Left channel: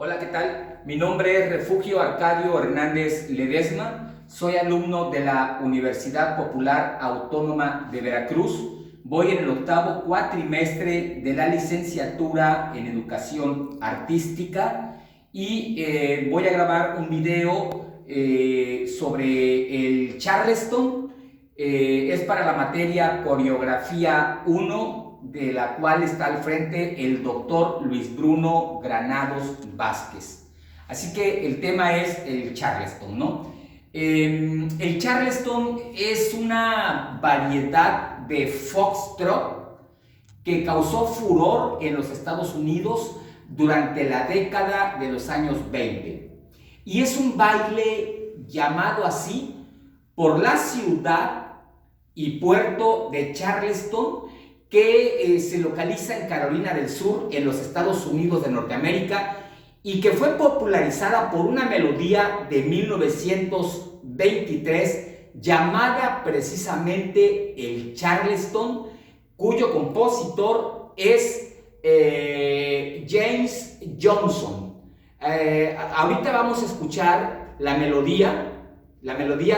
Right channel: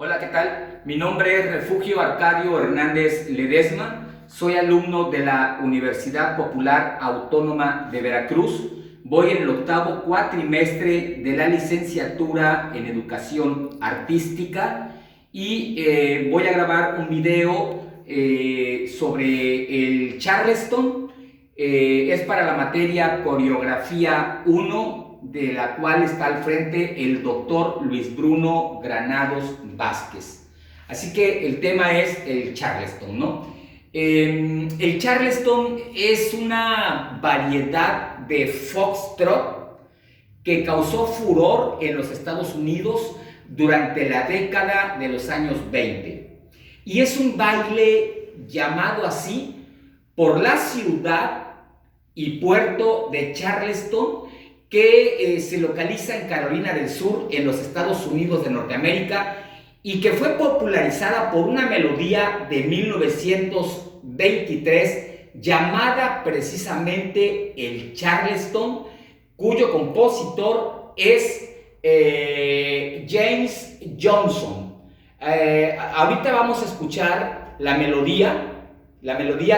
Hola, ¿qué tal? Mi nombre es Refugio Arcadio Hernández Ledesma. Soy alumno de la Universidad Popular Autónoma de Veracruz. Voy en el octavo cuatrimestre de la licenciatura en Educación Artística y voy a grabar un video sobre el Charleston. Es para la materia Coreografía 1, de la cual está al frente el doctor Luis Bruno Granados Vázquez. Así que el tema es el Charleston, ¿no? El Charleston es una variedad de foxtrot que causó furor en los Estados Unidos durante la década de los años 20. Y es un baile llamado así por la ciudad y puerto de Charleston, que se localiza en Carolina del Sur, en los Estados Unidos de Norteamérica, y que fue popularizada por una melodía de 1923 llamada precisamente el Charleston, cuyo compositor es James Johnson. Ahorita vamos a escuchar la melodía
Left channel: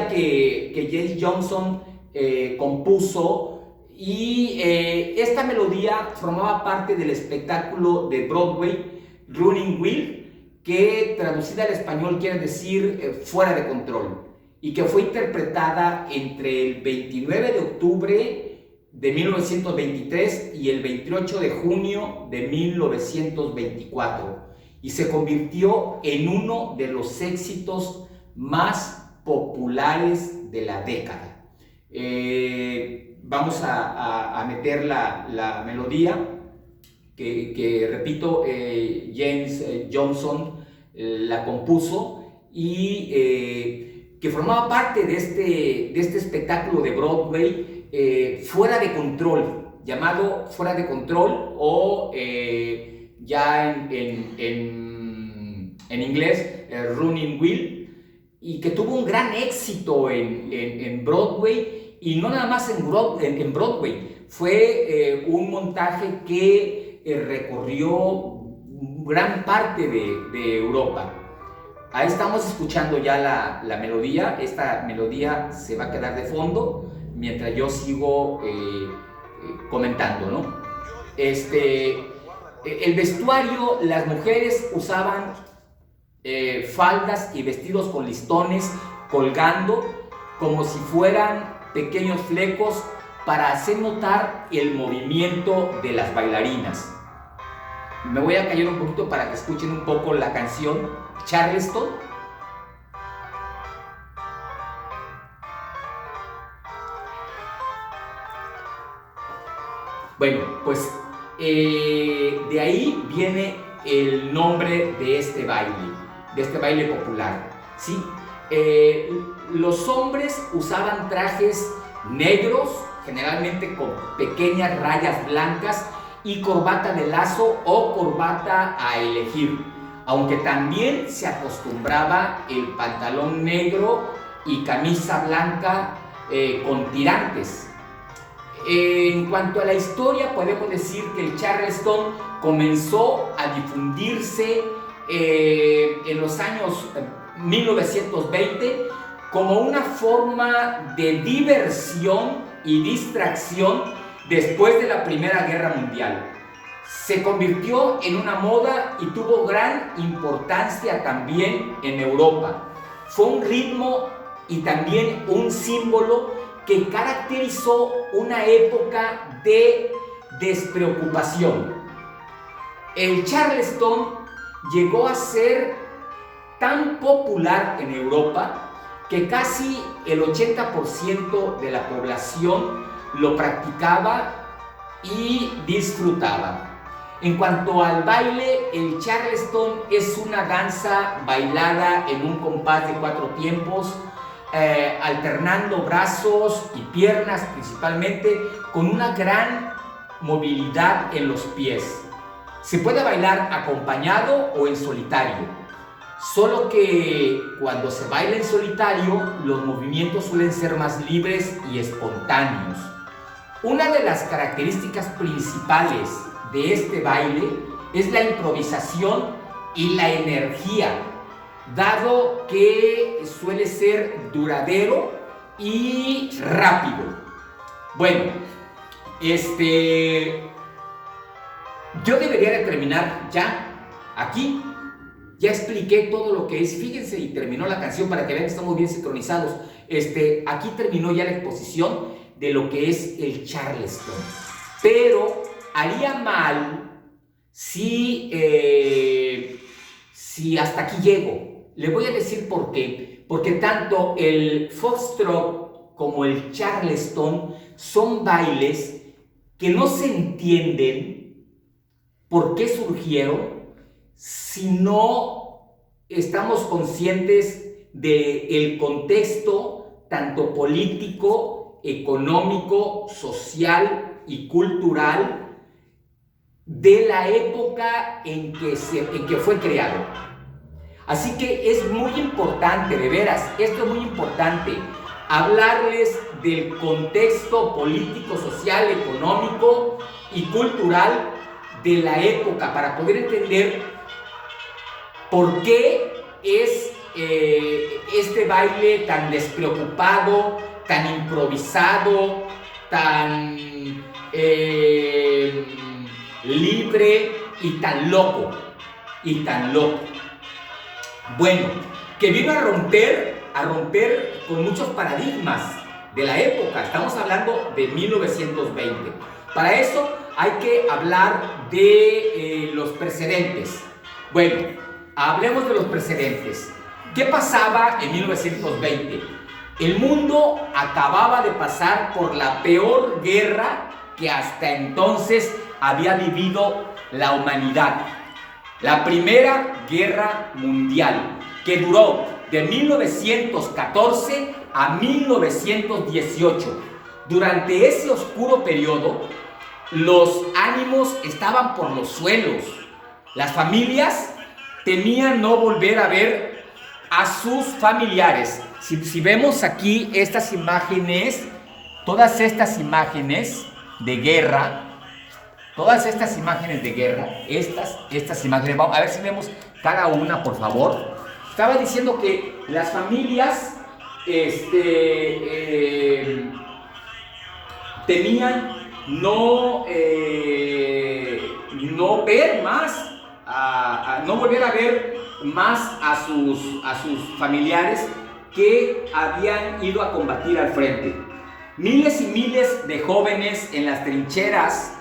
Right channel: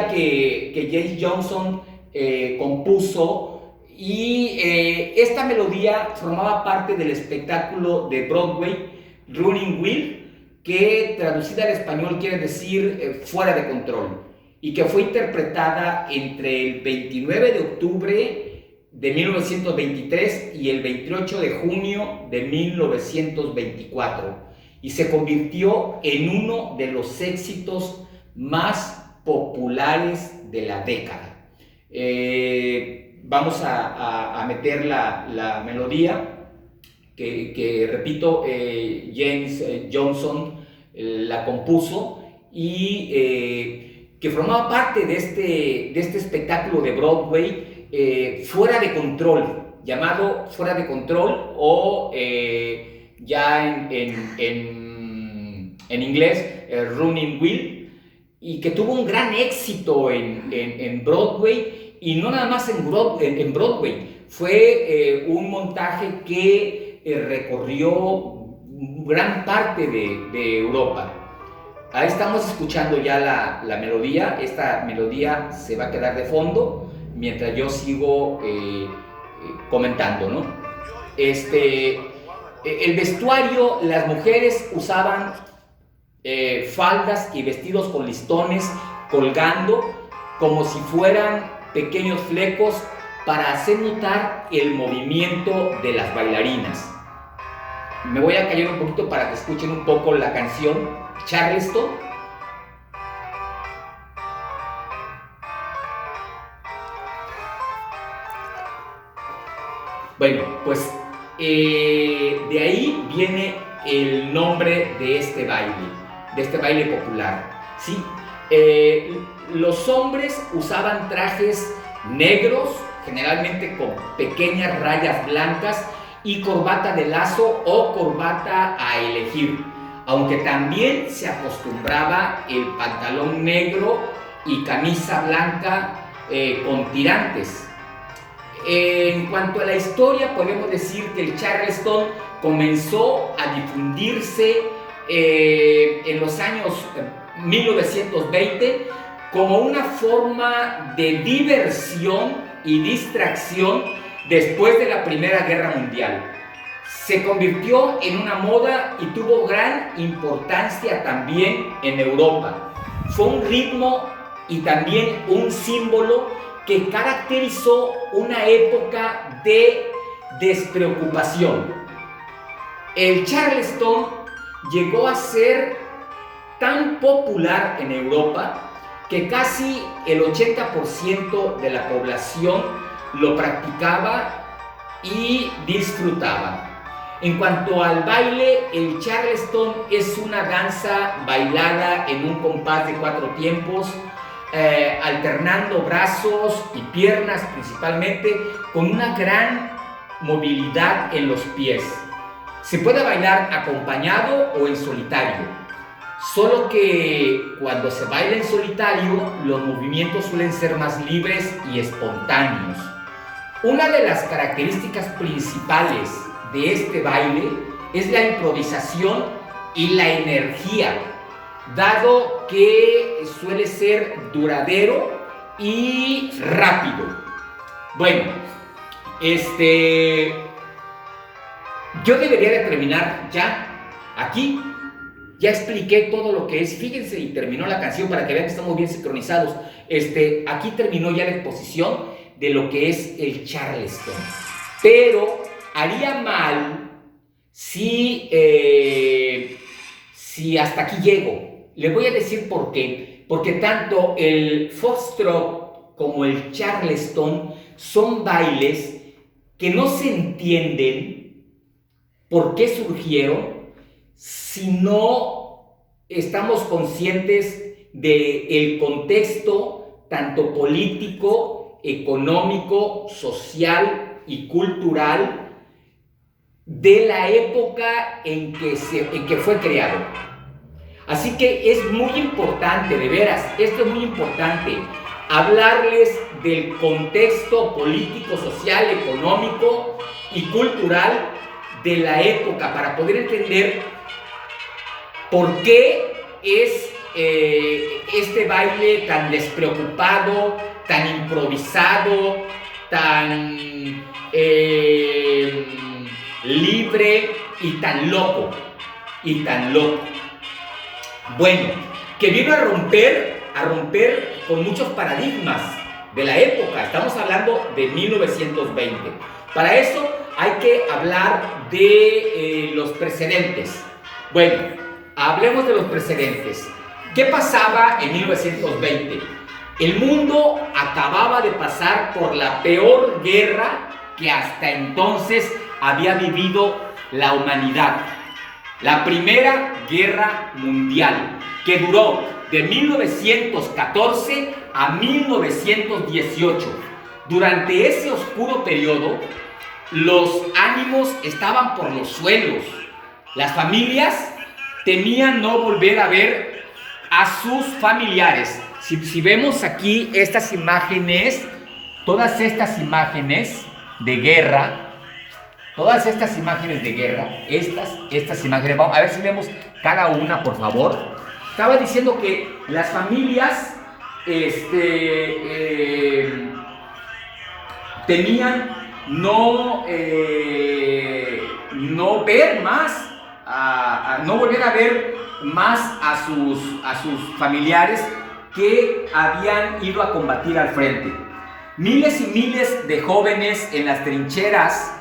que James Johnson compuso. Y esta melodía formaba parte del espectáculo de Broadway Running Wild, que traducida al español quiere decir fuera de control, y que fue interpretada entre el 29 de octubre de 1923 y el 28 de junio de 1924, y se convirtió en uno de los éxitos más populares de la década. Vamos a meter la melodía que repito, James Johnson la compuso y que formaba parte de este espectáculo de Broadway, Fuera de Control, llamado Fuera de Control, o ya en inglés, Running Wild, y que tuvo un gran éxito en Broadway. Y no nada más en Broadway, fue un montaje que recorrió gran parte de Europa. Ahí estamos escuchando ya la melodía. Esta melodía se va a quedar de fondo mientras yo sigo comentando, ¿no? El vestuario, las mujeres usaban faldas y vestidos con listones colgando como si fueran pequeños flecos para hacer notar el movimiento de las bailarinas. Me voy a callar un poquito para que escuchen un poco la canción Charleston. Bueno, pues de ahí viene el nombre de este baile popular, ¿sí? Los hombres usaban trajes negros, generalmente con pequeñas rayas blancas, y corbata de lazo o corbata a elegir, aunque también se acostumbraba el pantalón negro y camisa blanca con tirantes. En cuanto a la historia, podemos decir que el Charleston comenzó a difundirse en los años 1920 como una forma de diversión y distracción después de la Primera Guerra Mundial. Se convirtió en una moda y tuvo gran importancia también en Europa. Fue un ritmo y también un símbolo que caracterizó una época de despreocupación. El Charleston llegó a ser tan popular en Europa que casi el 80% de la población lo practicaba y disfrutaba. En cuanto al baile, el Charleston es una danza bailada en un compás de 4 tiempos, alternando brazos y piernas principalmente, con una gran movilidad en los pies. Se puede bailar acompañado o en solitario, solo que cuando se baila en solitario los movimientos suelen ser más libres y espontáneos. Una de las características principales de este baile es la improvisación y la energía, dado que suele ser duradero y rápido. Bueno, yo debería de terminar ya aquí. Ya expliqué todo lo que es, fíjense, y terminó la canción para que vean que estamos bien sincronizados. Aquí terminó ya la exposición de lo que es el Charleston. Pero haría mal si hasta aquí llego. Le voy a decir por qué. Porque tanto el foxtrot como el Charleston son bailes que no se entienden por qué surgieron si no estamos conscientes del contexto tanto político, económico, social y cultural de la época en que fue creado. Así que es muy importante, de veras, esto es muy importante, hablarles del contexto político, social, económico y cultural de la época para poder entender por qué es este baile tan despreocupado, tan improvisado, tan libre y tan loco. Bueno, que vino a romper con muchos paradigmas de la época. Estamos hablando de 1920. Para eso hay que hablar de los precedentes. Bueno, hablemos de los precedentes. ¿Qué pasaba en 1920? El mundo acababa de pasar por la peor guerra que hasta entonces había vivido la humanidad. La Primera Guerra Mundial, que duró de 1914 a 1918. Durante ese oscuro periodo, los ánimos estaban por los suelos. Las familias temían no volver a ver a sus familiares. Si vemos aquí estas imágenes, todas estas imágenes de guerra, estas imágenes, vamos a ver si vemos cada una, por favor. Estaba diciendo que las familias temían no ver más, no volver a ver más a sus familiares que habían ido a combatir al frente. Miles y miles de jóvenes en las trincheras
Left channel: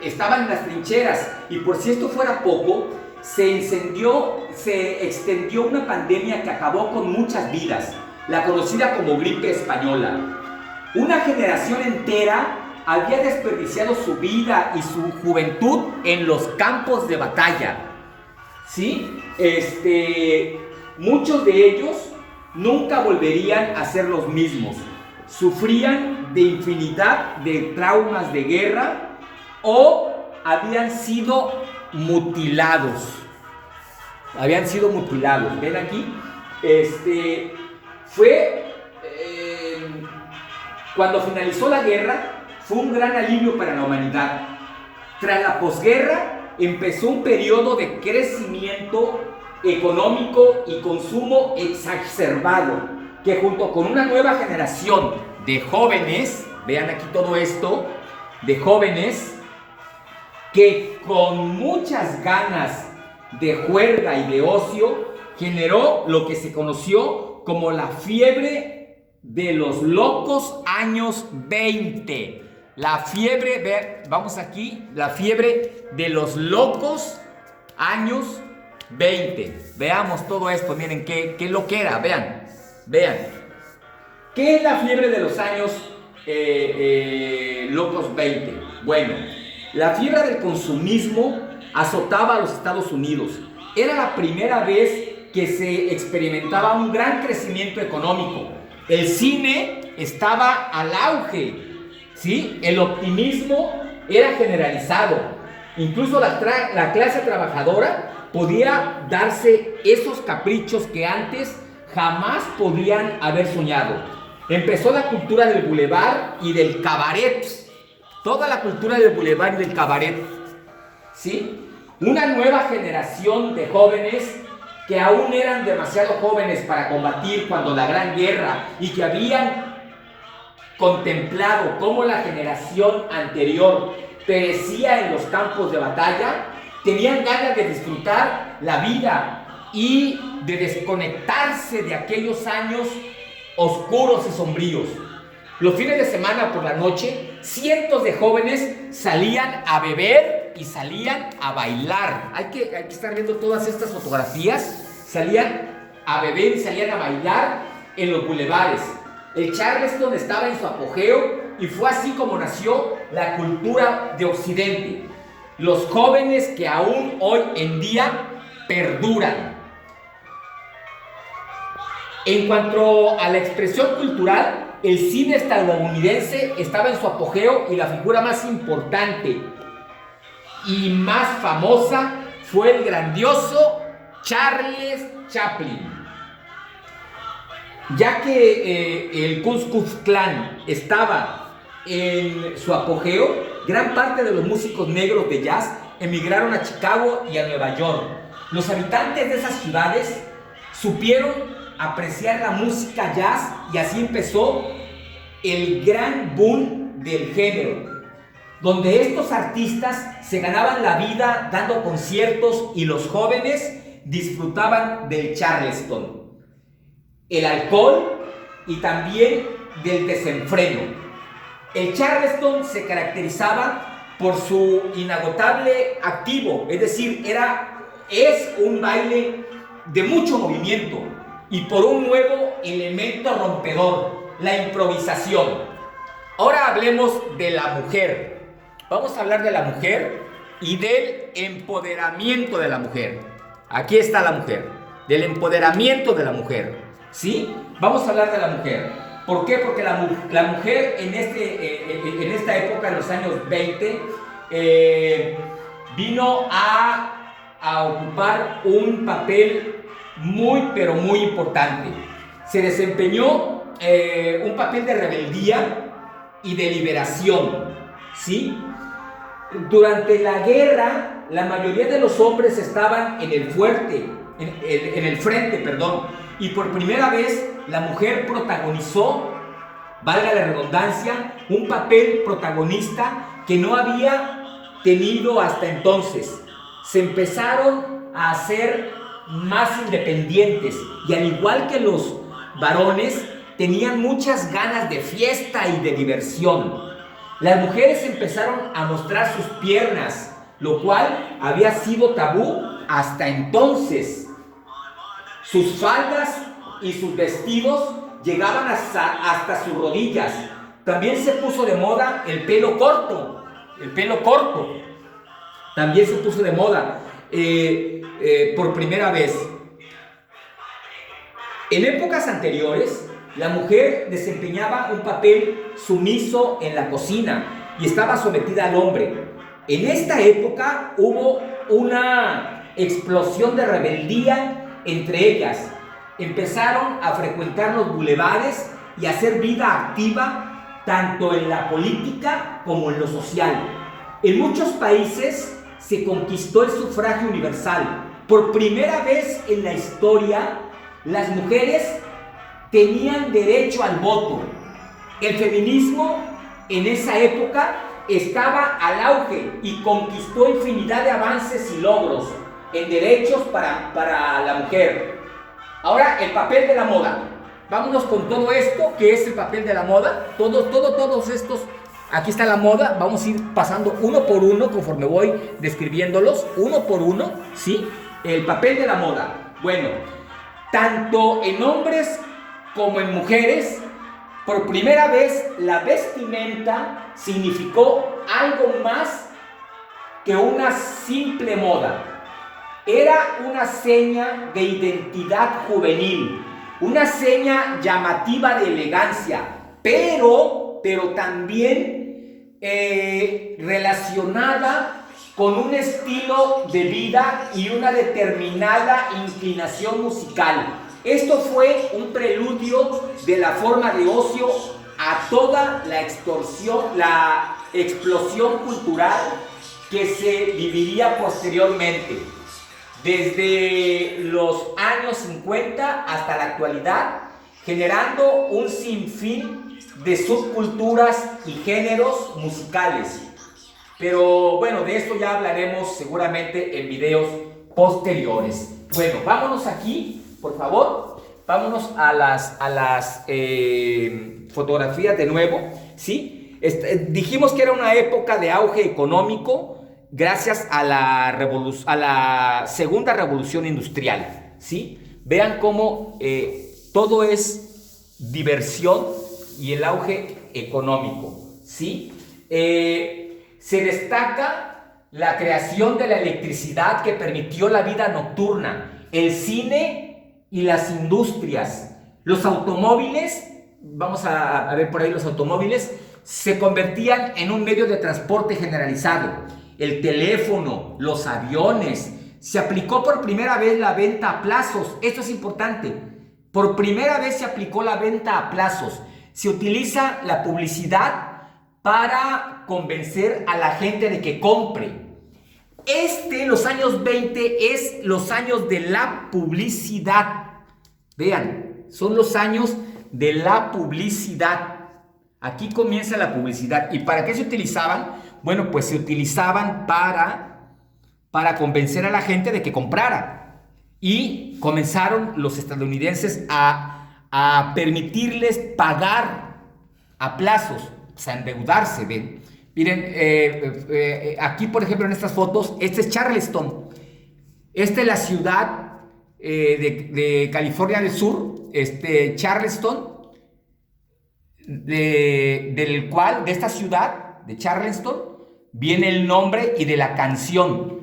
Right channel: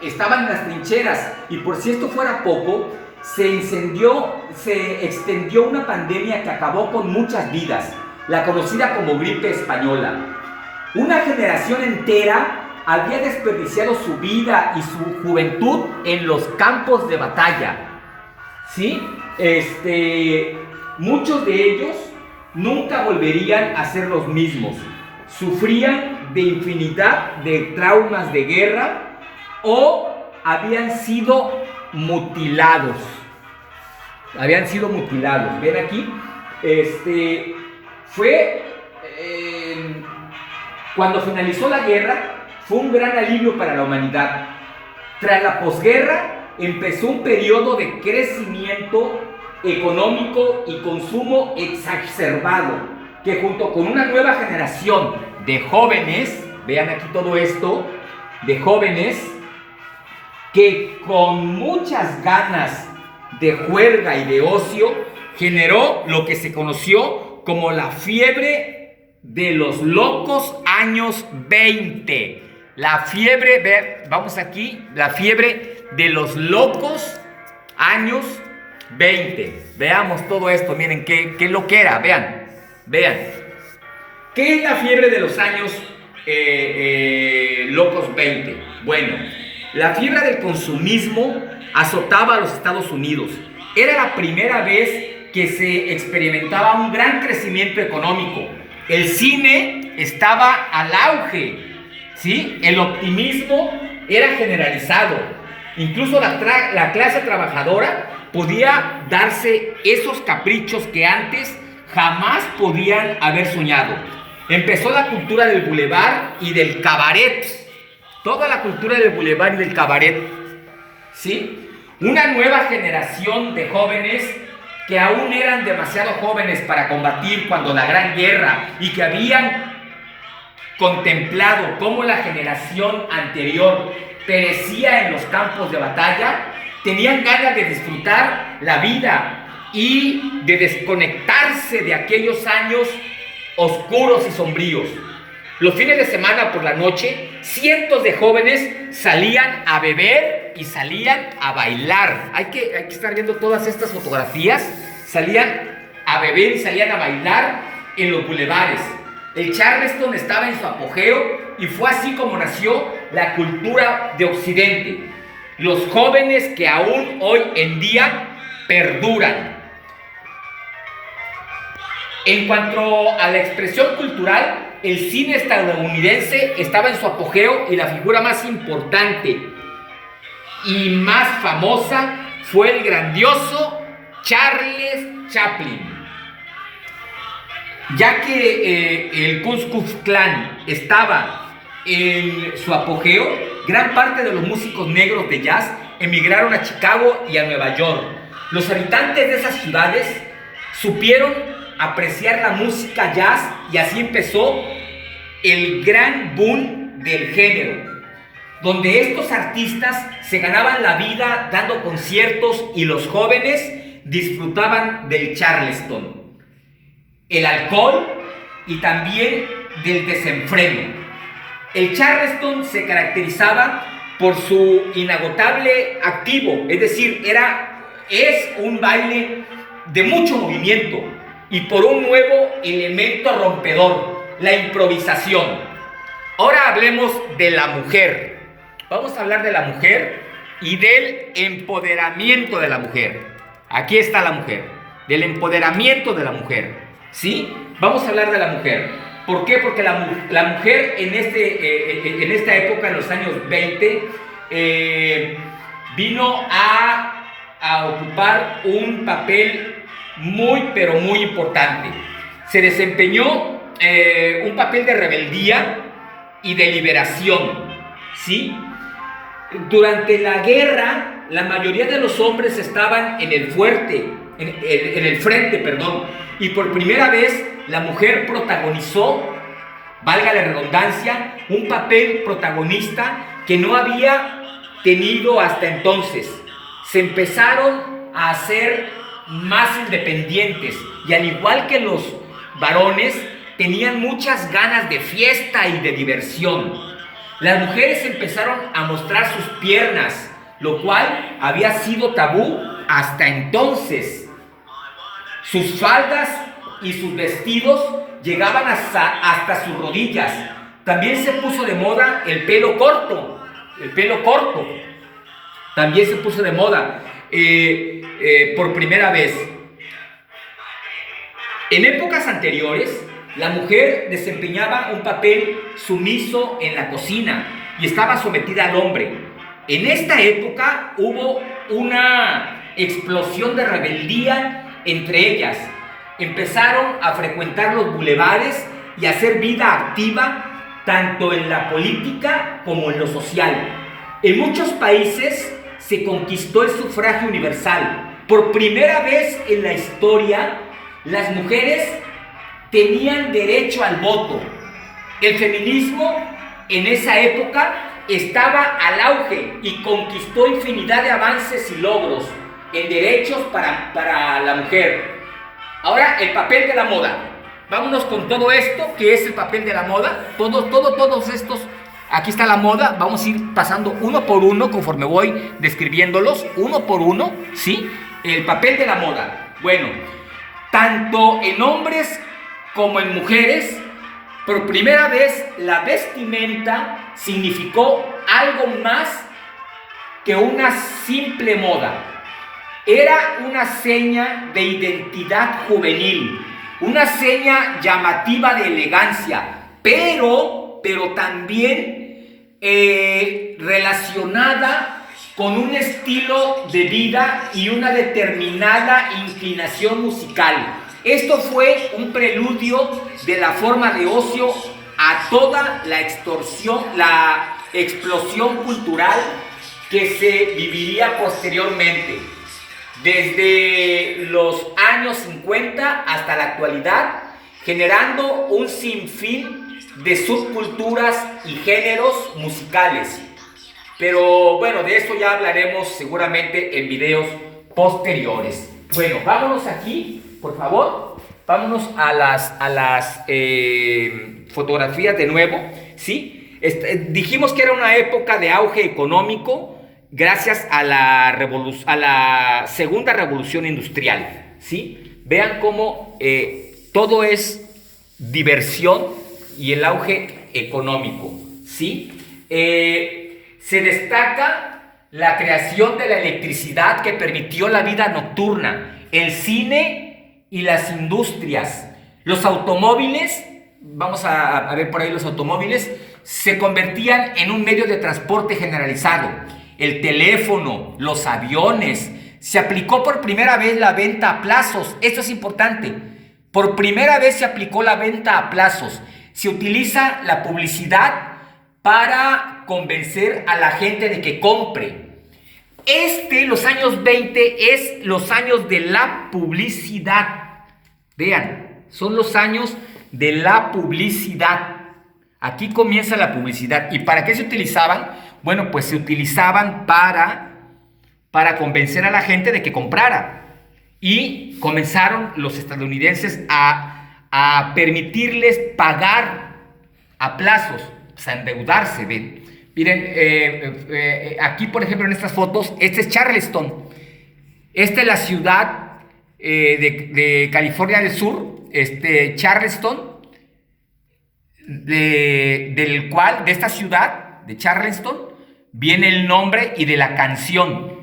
estaban en las trincheras, y por si esto fuera poco, se extendió una pandemia que acabó con muchas vidas, la conocida como gripe española. Una generación entera había desperdiciado su vida y su juventud en los campos de batalla, ¿sí? Muchos de ellos nunca volverían a ser los mismos. Sufrían de infinidad de traumas de guerra o habían sido mutilados. ¿Ven aquí? Cuando finalizó la guerra, fue un gran alivio para la humanidad. Tras la posguerra, empezó un periodo de crecimiento económico y consumo exacerbado, que junto con una nueva generación de jóvenes, vean aquí todo esto, de jóvenes que con muchas ganas de juerga y de ocio, generó lo que se conoció como la fiebre de los locos años 20. La fiebre, vamos aquí, la fiebre de los locos años 20. Veamos todo esto, miren qué loquera, vean. ¿Qué es la fiebre de los años locos 20? Bueno, la fiebre del consumismo azotaba a los Estados Unidos. Era la primera vez que se experimentaba un gran crecimiento económico. El cine estaba al auge, ¿sí? El optimismo era generalizado. Incluso la clase trabajadora podía darse esos caprichos que antes jamás podían haber soñado. Empezó la cultura del bulevar y del cabaret. Toda la cultura del bulevar y del cabaret, ¿sí? Una nueva generación de jóvenes que aún eran demasiado jóvenes para combatir cuando la Gran Guerra y que habían contemplado cómo la generación anterior perecía en los campos de batalla, tenían ganas de disfrutar la vida y de desconectarse de aquellos años oscuros y sombríos. Los fines de semana por la noche, cientos de jóvenes salían a beber y salían a bailar. Hay que estar viendo todas estas fotografías. Salían a beber y salían a bailar en los bulevares. El Charleston estaba en su apogeo y fue así como nació la cultura de Occidente. Los jóvenes que aún hoy en día perduran. En cuanto a la expresión cultural, el cine estadounidense estaba en su apogeo y la figura más importante y más famosa fue el grandioso Charles Chaplin. Ya que el Ku Klux Klan estaba en su apogeo, gran parte de los músicos negros de jazz emigraron a Chicago y a Nueva York. Los habitantes de esas ciudades supieron apreciar la música jazz y así empezó el gran boom del género, donde estos artistas se ganaban la vida dando conciertos y los jóvenes disfrutaban del Charleston, el alcohol y también del desenfreno. El Charleston se caracterizaba por su inagotable activo, es decir, es un baile de mucho movimiento y por un nuevo elemento rompedor, la improvisación. Ahora hablemos de la mujer. Vamos a hablar de la mujer y del empoderamiento de la mujer. Aquí está la mujer, del empoderamiento de la mujer, ¿sí? Vamos a hablar de la mujer. ¿Por qué? Porque la mujer en esta época, en los años 20, vino a ocupar un papel muy, pero muy importante. Se desempeñó un papel de rebeldía y de liberación, ¿sí? Durante la guerra, la mayoría de los hombres estaban en el frente, y por primera vez la mujer protagonizó, valga la redundancia, un papel protagonista que no había tenido hasta entonces. Se empezaron a hacer más independientes y al igual que los varones, tenían muchas ganas de fiesta y de diversión. Las mujeres empezaron a mostrar sus piernas, lo cual había sido tabú hasta entonces. Sus faldas y sus vestidos llegaban hasta sus rodillas. También se puso de moda el pelo corto. También se puso de moda por primera vez. En épocas anteriores, la mujer desempeñaba un papel sumiso en la cocina y estaba sometida al hombre. En esta época hubo una explosión de rebeldía entre ellas. Empezaron a frecuentar los bulevares y a hacer vida activa tanto en la política como en lo social. En muchos países se conquistó el sufragio universal. Por primera vez en la historia, las mujeres tenían derecho al voto. El feminismo en esa época estaba al auge y conquistó infinidad de avances y logros en derechos para la mujer. Ahora, el papel de la moda. Vámonos con todo esto, que es el papel de la moda. Todos estos, aquí está la moda. Vamos a ir pasando uno por uno conforme voy describiéndolos, uno por uno, ¿sí? El papel de la moda. Bueno, tanto en hombres como en mujeres, por primera vez la vestimenta significó algo más que una simple moda. Era una seña de identidad juvenil, una seña llamativa de elegancia, pero también relacionada con un estilo de vida y una determinada inclinación musical. Esto fue un preludio de la forma de ocio a toda la explosión cultural que se viviría posteriormente, desde los años 50 hasta la actualidad, generando un sinfín de subculturas y géneros musicales. Pero bueno, de esto ya hablaremos seguramente en videos posteriores. Bueno, vámonos aquí, por favor. Vámonos a las fotografías de nuevo, ¿sí? Dijimos que era una época de auge económico gracias a la segunda revolución industrial, ¿sí? Vean cómo todo es diversión y el auge económico, ¿sí? Se destaca la creación de la electricidad que permitió la vida nocturna, el cine y las industrias. Los automóviles, vamos a ver por ahí los automóviles, se convertían en un medio de transporte generalizado. El teléfono, los aviones, se aplicó por primera vez la venta a plazos. Esto es importante. Por primera vez se aplicó la venta a plazos. Se utiliza la publicidad para convencer a la gente de que compre. Los años 20 es los años de la publicidad. Vean, son los años de la publicidad. Aquí comienza la publicidad. ¿Y para qué se utilizaban? Bueno, pues se utilizaban para convencer a la gente de que comprara. Y comenzaron los estadounidenses a permitirles pagar a plazos, o sea, endeudarse, ¿ven? Miren, aquí por ejemplo en estas fotos, este es Charleston. Esta es la ciudad de California del Sur, Charleston, de esta ciudad, de Charleston, viene el nombre y de la canción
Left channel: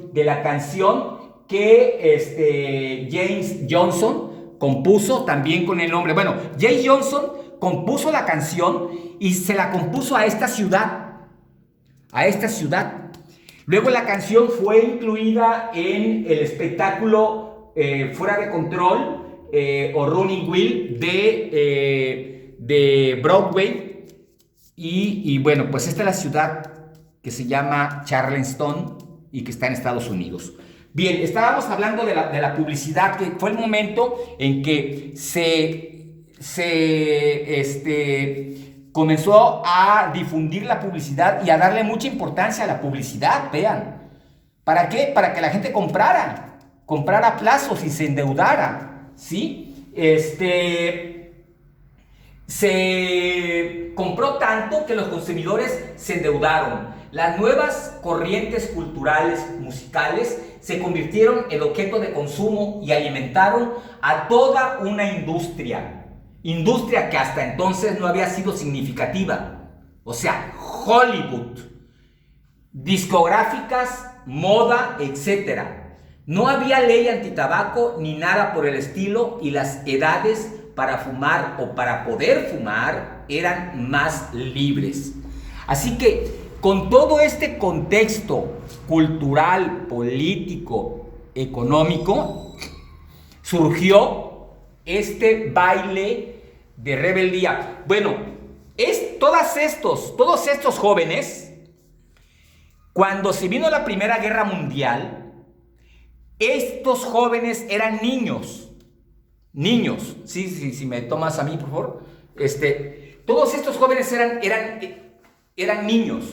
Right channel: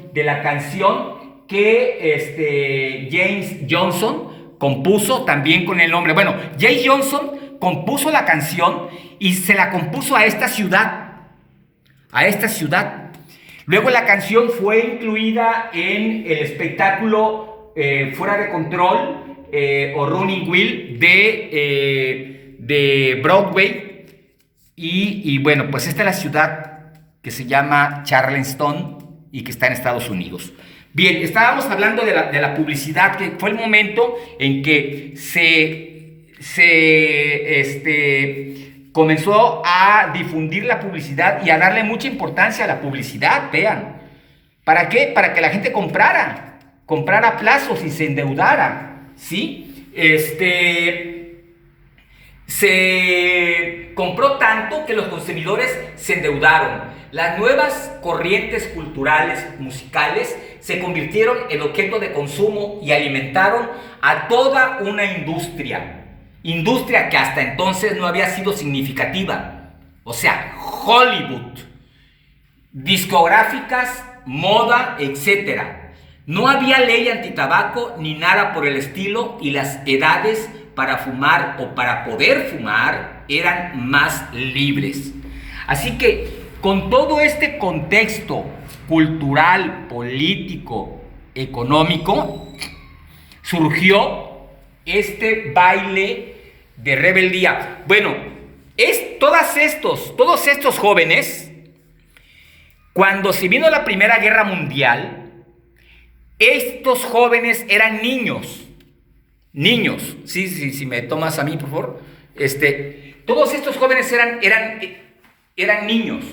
que James Johnson compuso también con el nombre. Bueno, James Johnson compuso la canción y se la compuso a esta ciudad. Luego la canción fue incluida en el espectáculo Fuera de Control o Running Wild de Broadway. Y bueno, pues esta es la ciudad que se llama Charleston y que está en Estados Unidos. Bien, estábamos hablando de la publicidad, que fue el momento en que comenzó a difundir la publicidad y a darle mucha importancia a la publicidad, vean. ¿Para qué? Para que la gente comprara a plazos y se endeudara, ¿sí? Se compró tanto que los consumidores se endeudaron. Las nuevas corrientes culturales, musicales, se convirtieron en objeto de consumo y alimentaron a toda una industria que hasta entonces no había sido significativa. O sea, Hollywood, discográficas, moda, etc. No había ley antitabaco ni nada por el estilo, y las edades para fumar o para poder fumar eran más libres. Así que con todo este contexto cultural, político, económico, surgió este baile de rebeldía. Bueno, todos estos jóvenes, cuando se vino la Primera Guerra Mundial, estos jóvenes eran niños. Sí, me tomas a mí, por favor. Todos estos jóvenes eran niños.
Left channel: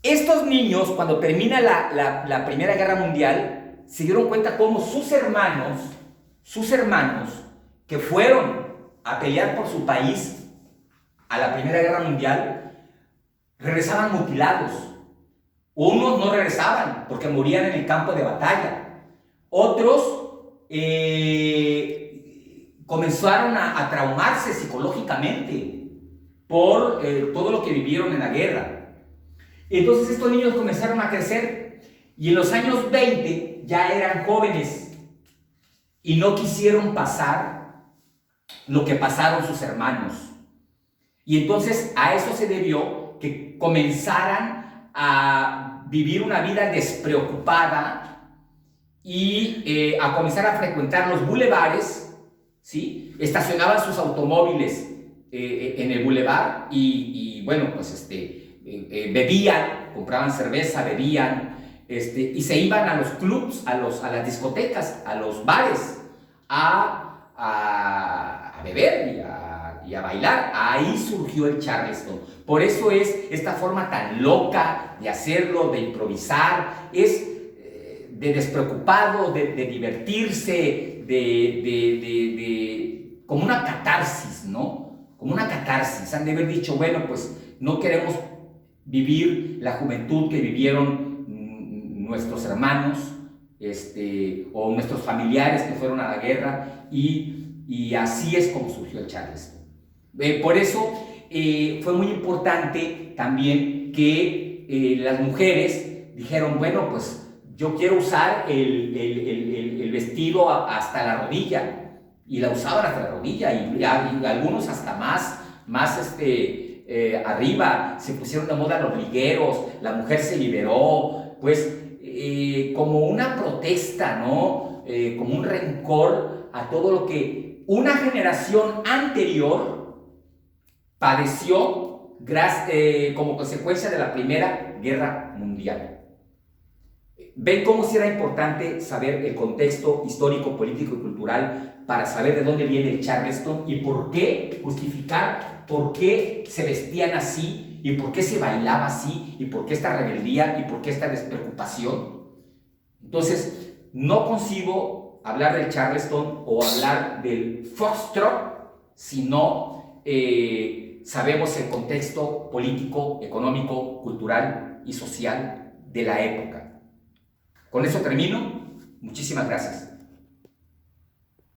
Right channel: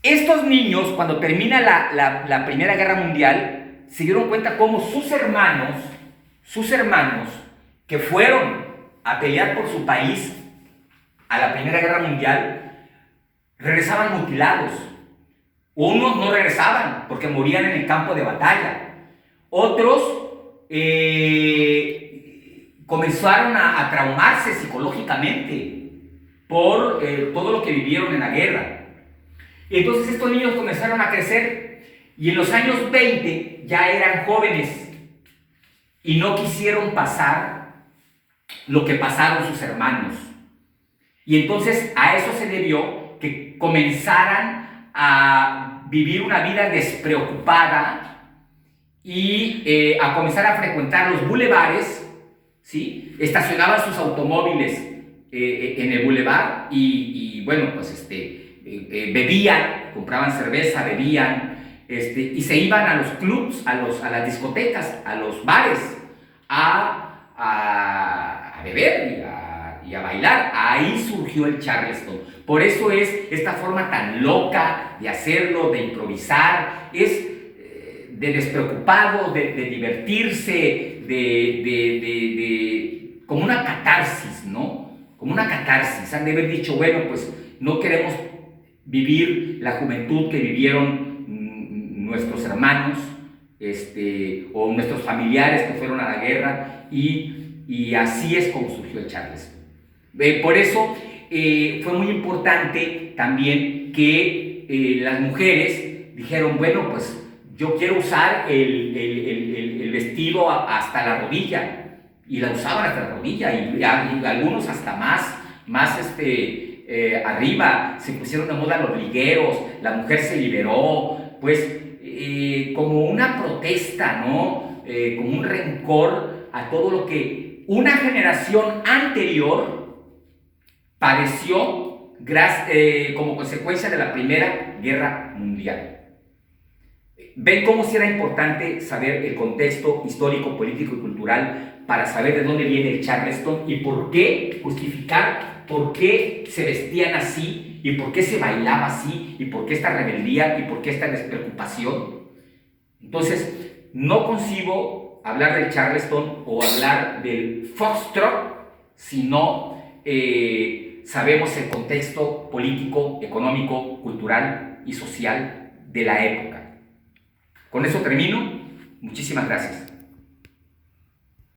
Estos niños, cuando termina la Primera Guerra Mundial, se dieron cuenta cómo sus hermanos, que fueron a pelear por su país a la Primera Guerra Mundial, regresaban mutilados. Unos no regresaban porque morían en el campo de batalla. Otros comenzaron a traumarse psicológicamente por todo lo que vivieron en la guerra. Entonces estos niños comenzaron a crecer y en los años 20 ya eran jóvenes y no quisieron pasar lo que pasaron sus hermanos. Y entonces a eso se debió que comenzaran a vivir una vida despreocupada y a comenzar a frecuentar los bulevares, ¿sí? Estacionaban sus automóviles en el bulevar y bueno, pues bebían, compraban cerveza, bebían, y se iban a los clubs, a las discotecas, a los bares, a beber y a bailar. Ahí surgió el Charleston. Por eso es esta forma tan loca de hacerlo, de improvisar, es de despreocupado, de divertirse, como una catarsis, ¿no? Como una catarsis. Han de haber dicho, bueno, pues no queremos vivir la juventud que vivieron nuestros hermanos, o nuestros familiares que fueron a la guerra, y así es como surgió el Charleston. Por eso fue muy importante también que las mujeres dijeron, bueno, pues yo quiero usar el vestido hasta la rodilla, y la usaban hasta la rodilla, y algunos hasta más arriba. Se pusieron de moda los ligueros, la mujer se liberó, pues como una protesta, ¿no? Como un rencor a todo lo que una generación anterior padeció como consecuencia de la Primera Guerra Mundial. ¿Ven cómo sí era importante saber el contexto histórico, político y cultural para saber de dónde viene el Charleston y por qué justificar por qué se vestían así y por qué se bailaba así y por qué esta rebeldía y por qué esta despreocupación? Entonces, no concibo hablar del Charleston o hablar del Foxtrot si no sabemos el contexto político, económico, cultural y social de la época. Con eso termino. Muchísimas gracias.